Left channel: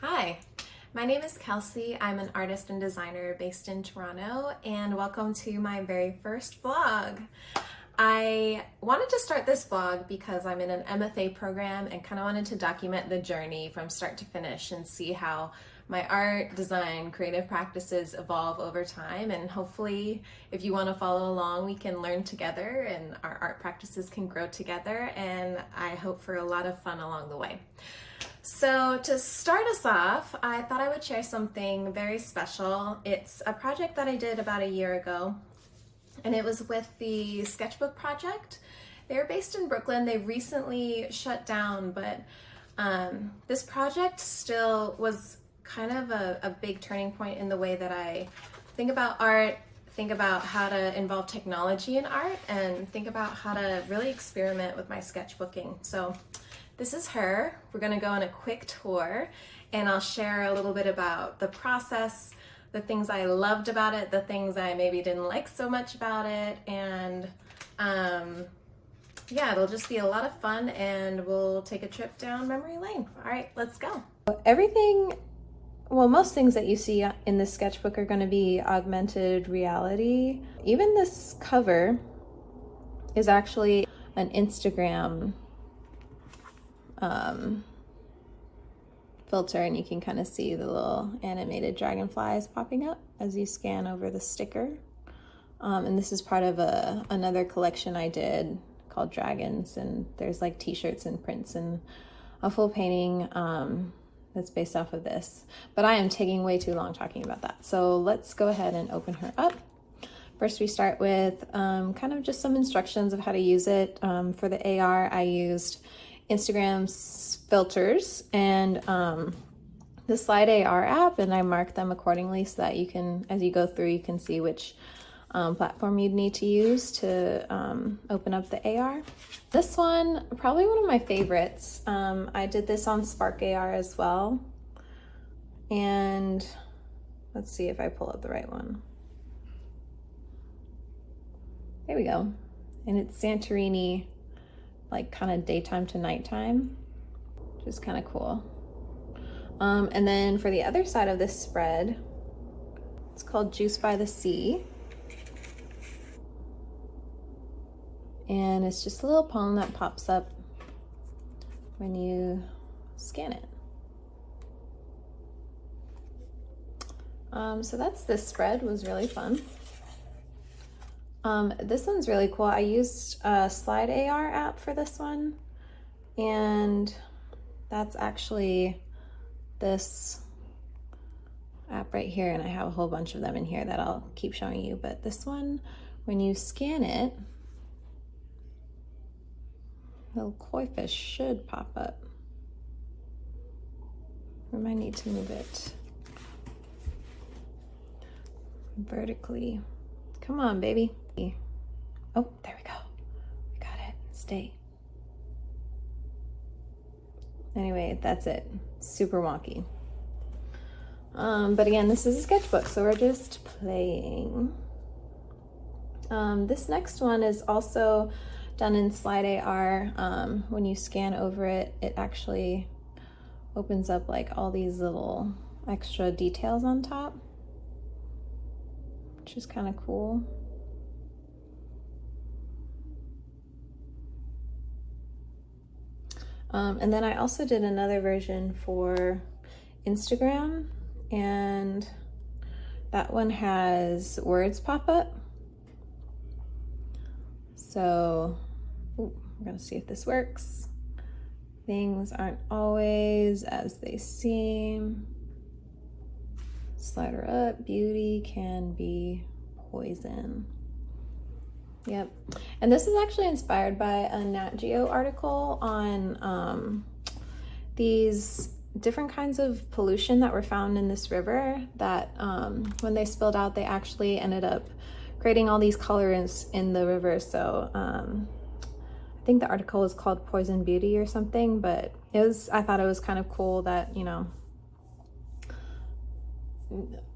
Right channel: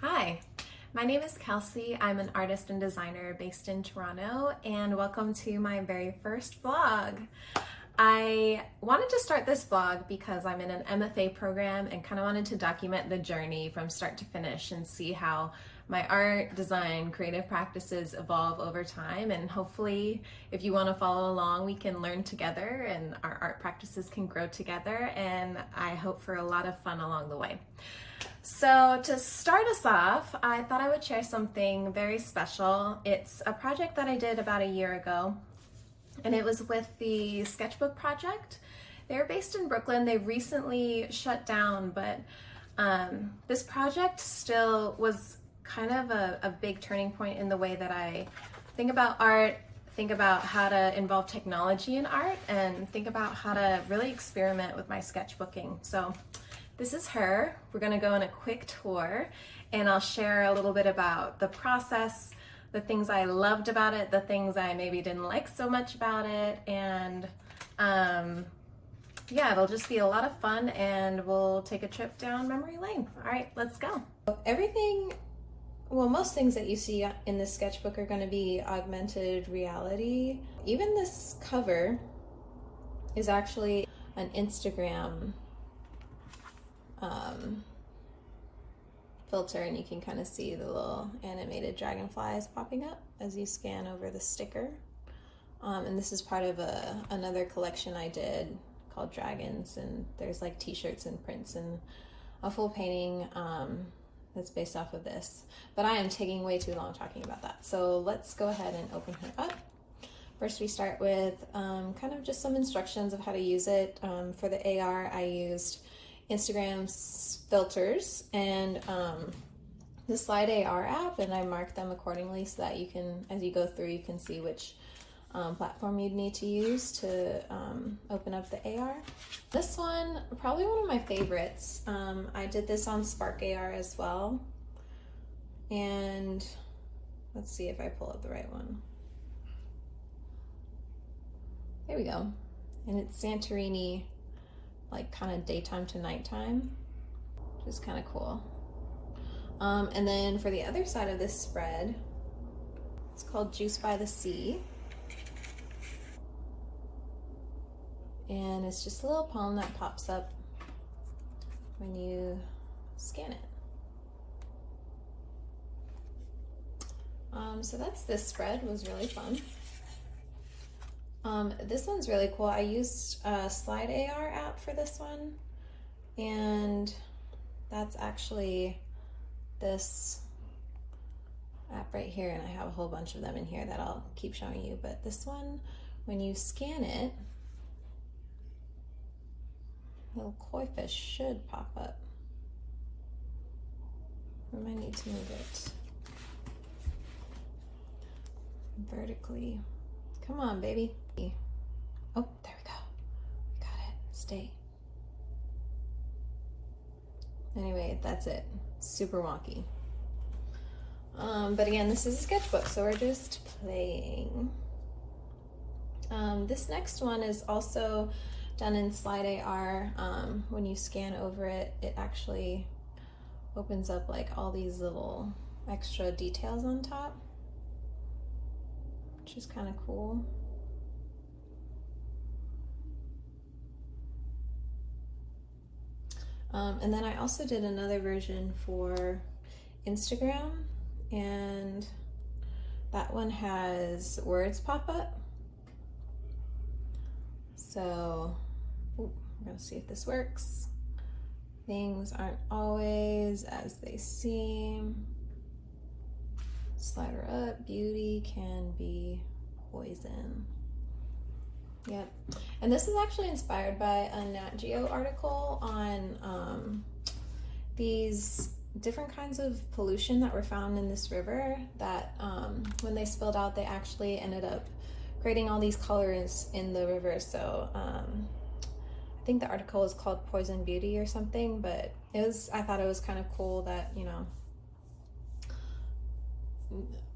Hi, my name is Kelsey. I'm an artist and designer based in Toronto, and welcome to my very first vlog. I wanted to start this vlog because I'm in an MFA program and kind of wanted to document the journey from start to finish and see how my art, design, creative practices evolve over time. And hopefully, if you want to follow along, we can learn together and our art practices can grow together. And I hope for a lot of fun along the way. So to start us off, I thought I would share something very special. It's a project that I did about a year ago, and it was with the Sketchbook Project. They're based in Brooklyn. They recently shut down, but this project still was kind of a big turning point in the way that I think about art, think about how to involve technology in art, and think about how to really experiment with my sketchbooking. So this is her. We're gonna go on a quick tour and I'll share a little bit about the process, the things I loved about it, the things I maybe didn't like so much about it, and yeah, it'll just be a lot of fun and we'll take a trip down memory lane. All right, let's go. Most things that you see in this sketchbook are going to be augmented reality. Even this cover is actually an Instagram filter, and you can kind of see the little animated dragonflies popping up as you scan over the sticker. And this is part of another collection I did called Dragons, and there's like t-shirts and prints and a full painting that's based off of this. But I am taking way too long talking about that. So let's go ahead and open her up. First, we start with kind of just some instructions of how to use it. For the AR, I used Instagram's filters and the Slide AR app, and I marked them accordingly so that you can, as you go through, you can see which platform you'd need to use to open up the AR. This one, probably one of my favorites. I did this on Spark AR as well. And let's see if I pull up the right one. There we go. And it's Santorini, like kind of daytime to nighttime, which is kind of cool. And then for the other side of this spread, it's called Juice by the Sea. And it's just a little poem that pops up when you scan it. So that's this spread. It was really fun. This one's really cool. I used a Slide AR app for this one, and that's actually this app right here, and I have a whole bunch of them in here that I'll keep showing you. But this one, when you scan it, little koi fish should pop up. We might need to move it vertically. Come on, baby. Oh, there we go. We got it. Stay. Anyway, that's it. Super wonky. But again, this is a sketchbook, so we're just playing. This next one is also done in Slide AR. When you scan over it, it actually opens up like all these little extra details on top, which is kind of cool. And then I also did another version for Instagram, and that one has words pop up. So we're gonna see if this works. Things aren't always as they seem. Slide her up. Beauty can be poison. Yep. And this is actually inspired by a Nat Geo article on these different kinds of pollution that were found in this river that when they spilled out, they actually ended up creating all these colors in the river. So I think the article was called Poison Beauty or something, but I thought it was kind of cool that, you know,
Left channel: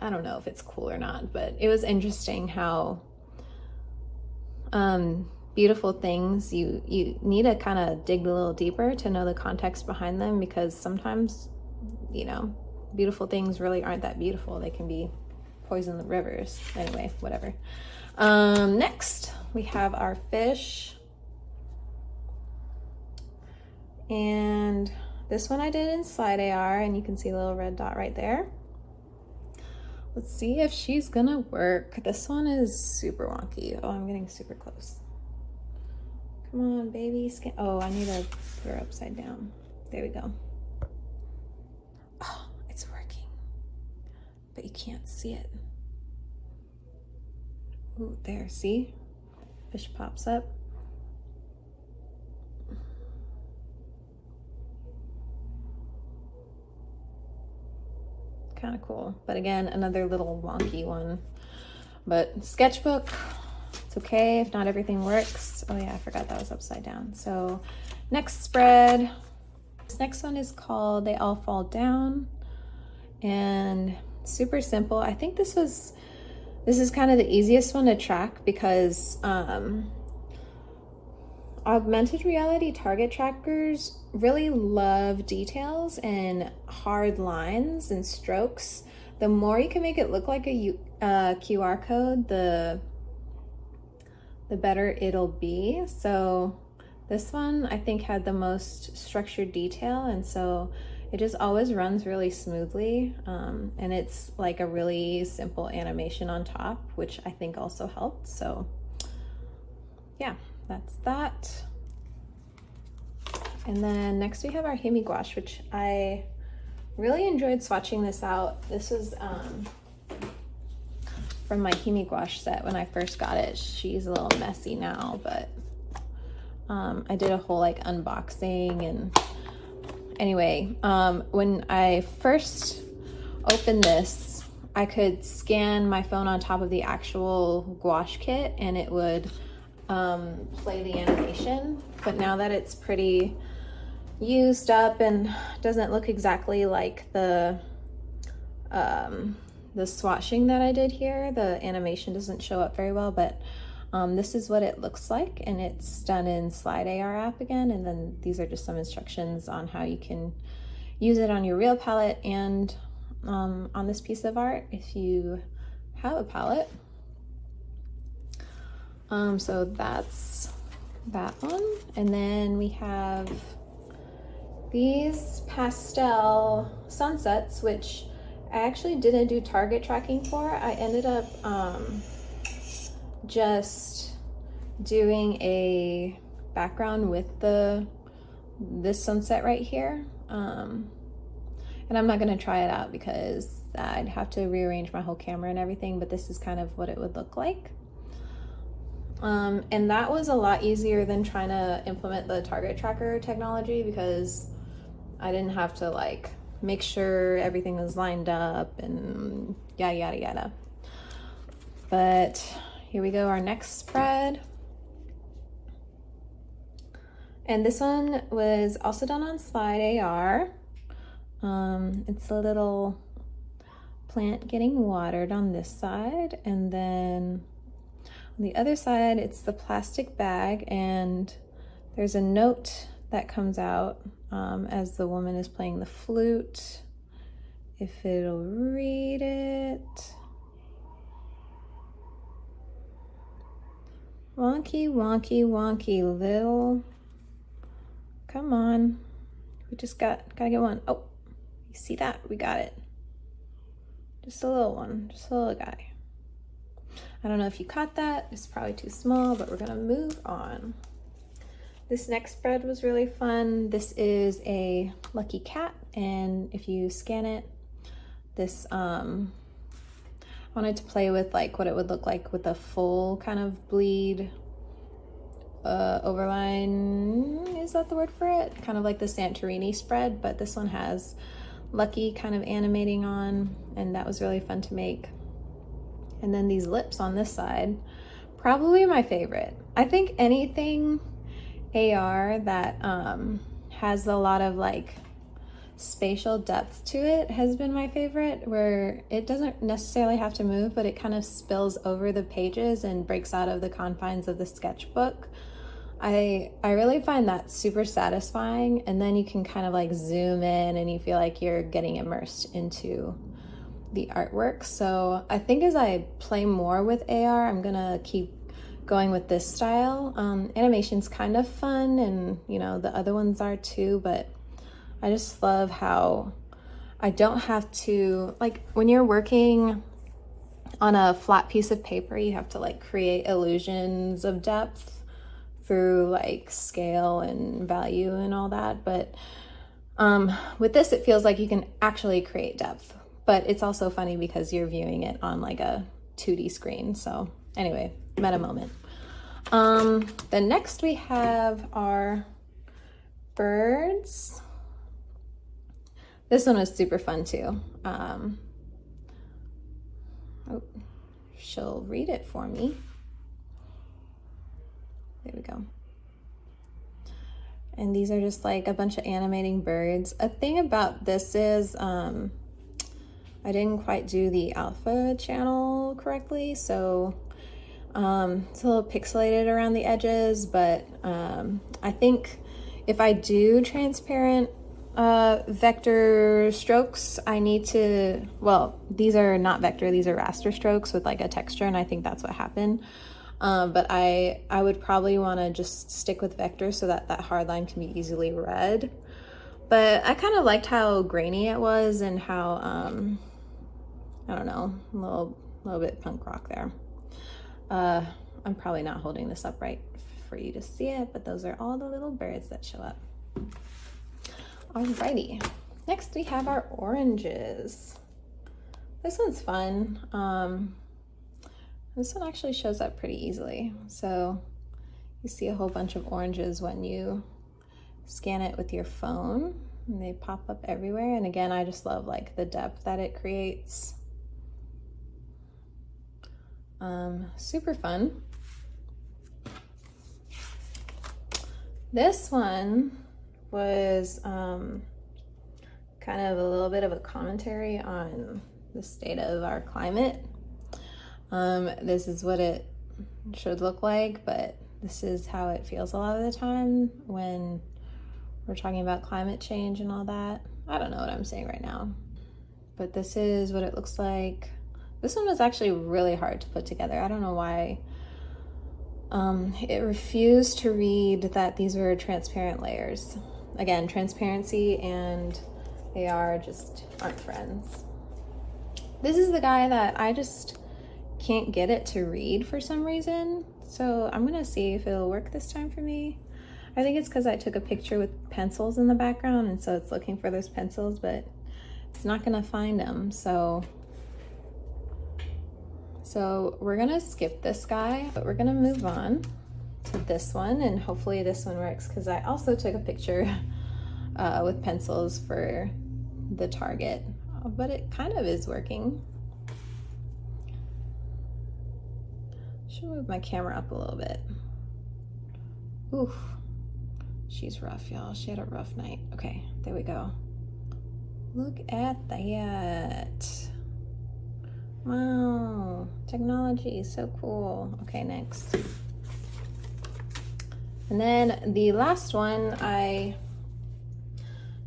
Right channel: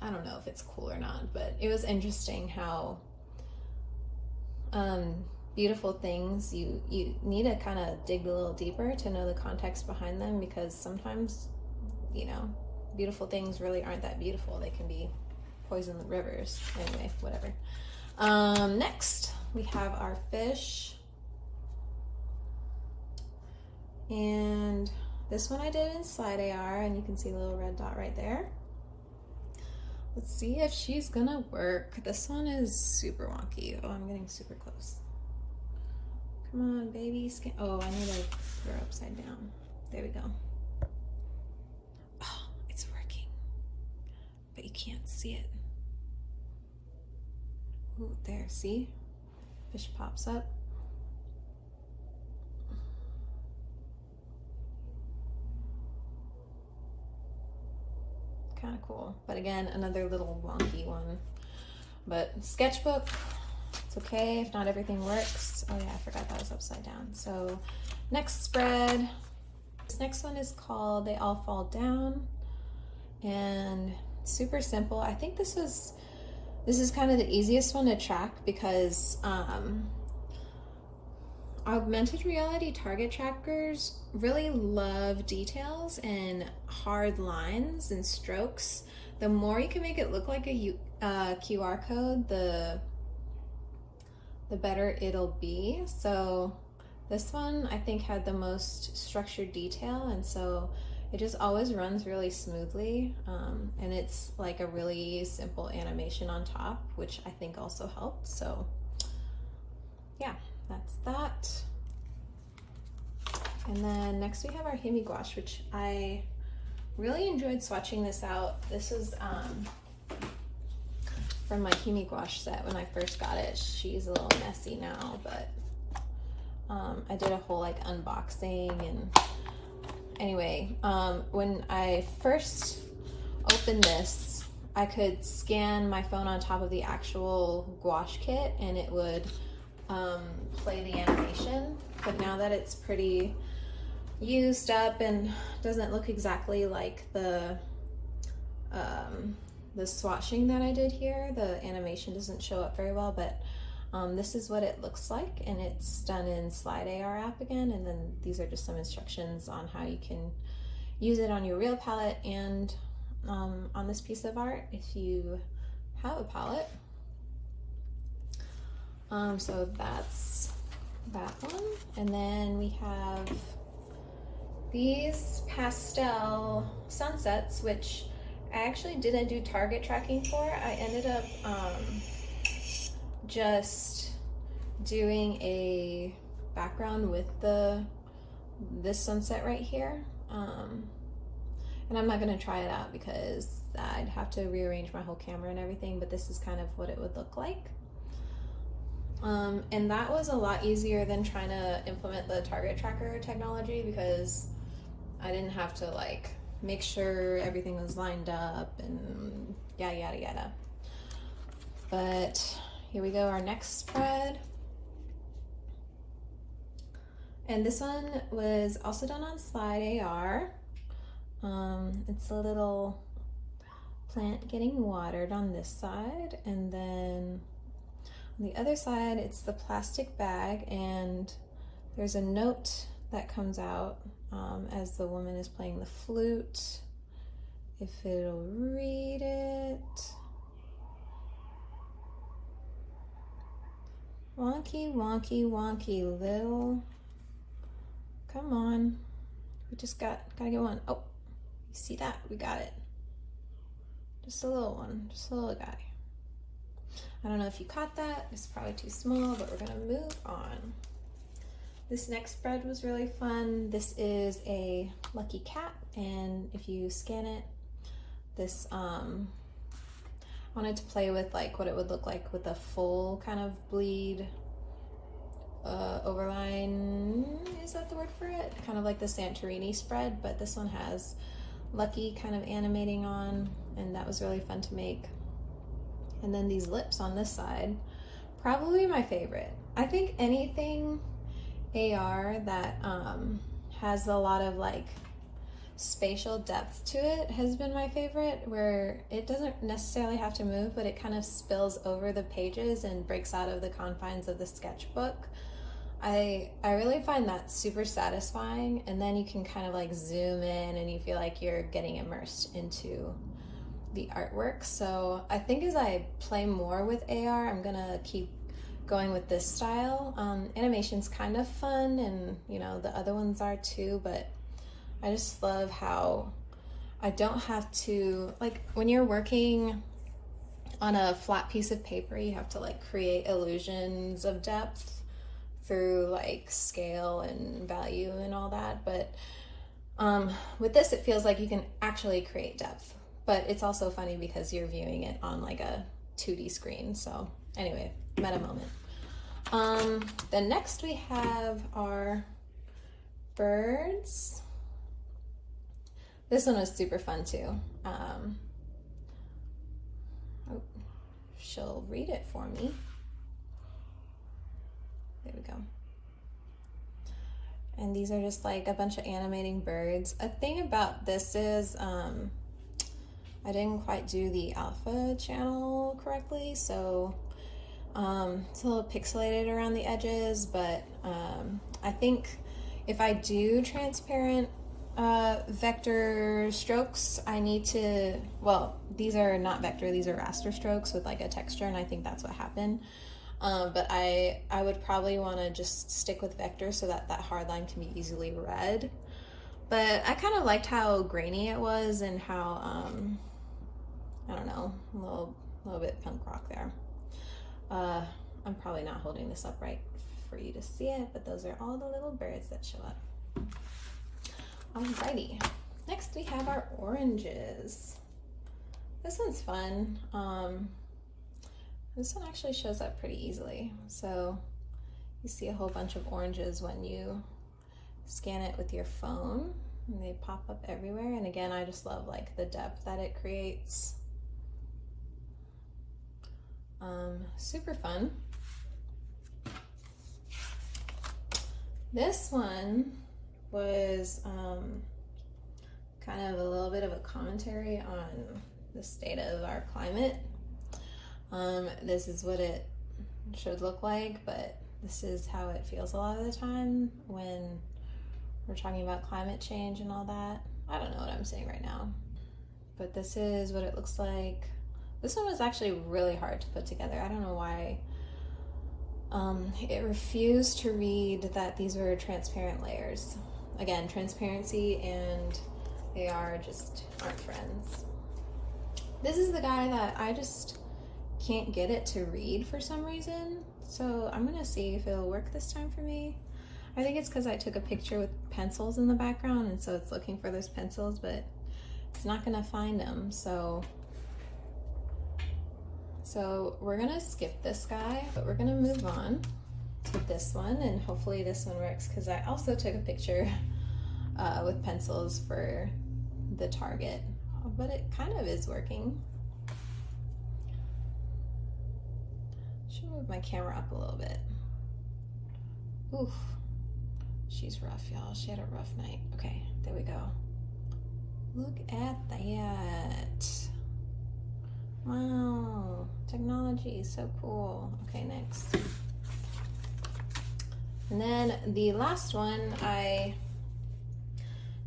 I don't know if it's cool or not, but it was interesting how beautiful things, you need to kind of dig a little deeper to know the context behind them, because sometimes, you know, beautiful things really aren't that beautiful. They can be poison the rivers. Anyway, whatever. Next, we have our fish. And this one I did in Slide AR, and you can see a little red dot right there. Let's see if she's gonna work. This one is super wonky. Oh, I'm getting super close. Come on, baby. Oh, I need to put her upside down. There we go. Oh, it's working. But you can't see it. Ooh, there, see? Fish pops up. Kind of cool, but again, another little wonky one. But Sketchbook, it's okay if not everything works. Oh yeah, I forgot that was upside down. So next spread, this next one is called They All Fall Down, and super simple. I think this is kind of the easiest one to track because augmented reality target trackers really love details and hard lines and strokes. The more you can make it look like a QR code, the better it'll be. So this one I think had the most structured detail, and so it just always runs really smoothly, and it's like a really simple animation on top, which I think also helped. So yeah, that's that. And then next we have our Himi gouache, which I really enjoyed swatching this out. This is from my Himi gouache set when I first got it. She's a little messy now, but I did a whole like unboxing. And anyway, when I first opened this, I could scan my phone on top of the actual gouache kit and it would play the animation. But now that it's pretty used up and doesn't look exactly like the swatching that I did here, the animation doesn't show up very well, but this is what it looks like, and it's done in Slide AR app again. And then these are just some instructions on how you can use it on your real palette and on this piece of art if you have a palette. So that's that one. And then we have these pastel sunsets, which I actually didn't do target tracking for. I ended up just doing a background with this sunset right here. And I'm not gonna try it out because I'd have to rearrange my whole camera and everything, but this is kind of what it would look like. And that was a lot easier than trying to implement the target tracker technology because I didn't have to like make sure everything was lined up and yada yada yada. But here we go, our next spread. And this one was also done on Slide AR. It's a little plant getting watered on this side, and then on the other side it's the plastic bag, and there's a note that comes out as the woman is playing the flute. If it'll read it. Wonky, wonky, wonky, little. Come on. We just gotta get one. Oh, you see that? We got it. Just a little one, just a little guy. I don't know if you caught that. It's probably too small, but we're gonna move on. This next spread was really fun. This is a lucky cat, and if you scan it, this I wanted to play with like what it would look like with a full kind of bleed overline. Is that the word for it? Kind of like the Santorini spread, but this one has Lucky kind of animating on, and that was really fun to make. And then these lips on this side, probably my favorite. I think anything AR that has a lot of like spatial depth to it has been my favorite, where it doesn't necessarily have to move, but it kind of spills over the pages and breaks out of the confines of the sketchbook. I really find that super satisfying, and then you can kind of like zoom in and you feel like you're getting immersed into the artwork. So I think as I play more with AR, I'm gonna keep going with this style. Animation's kind of fun, and you know, the other ones are too, but I just love how I don't have to, like when you're working on a flat piece of paper, you have to like create illusions of depth through like scale and value and all that. But with this, it feels like you can actually create depth, but it's also funny because you're viewing it on like a 2D screen. So anyway, meta moment. Then next we have our birds. This one was super fun too. Oh, she'll read it for me. There we go. And these are just like a bunch of animating birds. A thing about this is I didn't quite do the alpha channel correctly, so it's a little pixelated around the edges, but I think if I do transparent vector strokes, I need to, well, these are not vector, these are raster strokes with like a texture, and I think that's what happened. But I would probably want to just stick with vector so that that hard line can be easily read. But I kind of liked how grainy it was and how, I don't know, a little bit punk rock there. I'm probably not holding this up right for you to see it, but those are all the little birds that show up. Alrighty, next we have our oranges. This one's fun. This one actually shows up pretty easily. So you see a whole bunch of oranges when you scan it with your phone, and they pop up everywhere. And again, I just love like the depth that it creates. Super fun. This one was kind of a little bit of a commentary on the state of our climate. This is what it should look like, but this is how it feels a lot of the time when we're talking about climate change and all that. I don't know what I'm saying right now, but this is what it looks like. This one was actually really hard to put together. I don't know why. It refused to read that these were transparent layers. Again, transparency and AR just aren't friends. This is the guy that I just can't get it to read for some reason. So I'm gonna see if it'll work this time for me. I think it's because I took a picture with pencils in the background, and so it's looking for those pencils, but it's not gonna find them. So we're gonna skip this guy, but we're gonna move on to this one, and hopefully this one works because I also took a picture with pencils for the target, but it kind of is working. Should move my camera up a little bit. Oof, she's rough, y'all. She had a rough night. Okay, there we go. Look at that. Wow, technology is so cool. Okay, next. And then the last one, I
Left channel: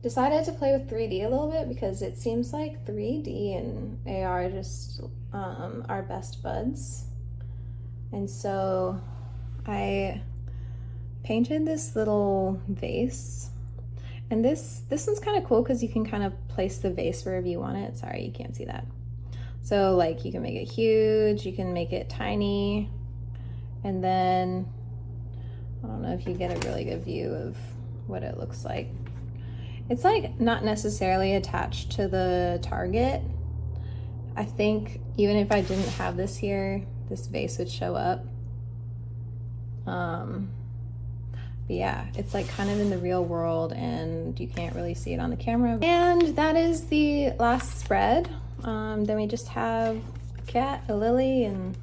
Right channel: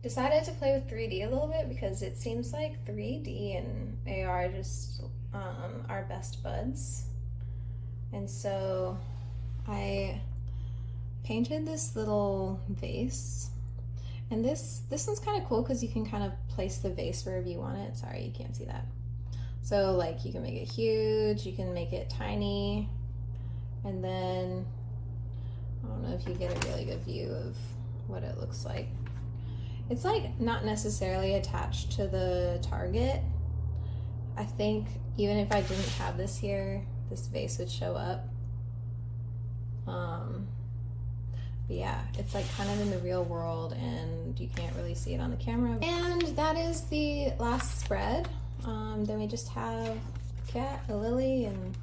decided to play with 3D a little bit because it seems like 3D and AR just are best buds. And so I painted this little vase, and this one's kind of cool because you can kind of place the vase wherever you want it. Sorry, you can't see that. So like you can make it huge, you can make it tiny, and then I don't know if you get a really good view of what it looks like. It's like not necessarily attached to the target. I think even if I didn't have this here, this vase would show up. But yeah, it's like kind of in the real world and you can't really see it on the camera. And that is the last spread. Then we just have a cat, a lily, and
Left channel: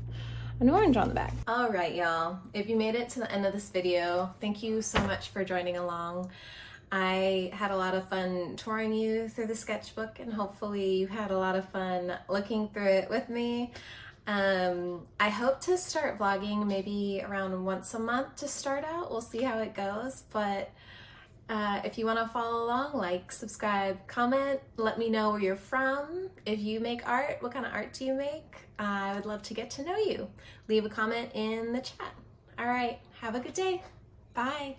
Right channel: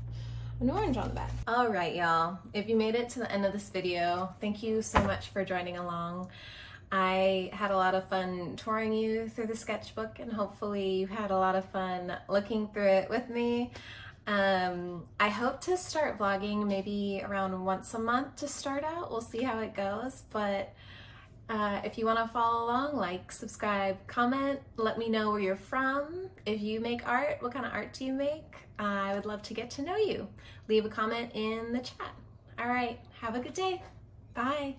an orange on the back. All right, y'all. If you made it to the end of this video, thank you so much for joining along. I had a lot of fun touring you through the sketchbook, and hopefully you had a lot of fun looking through it with me. I hope to start vlogging maybe around once a month to start out. We'll see how it goes, but if you want to follow along, like, subscribe, comment, let me know where you're from. If you make art, what kind of art do you make? I would love to get to know you. Leave a comment in the chat. All right, have a good day. Bye.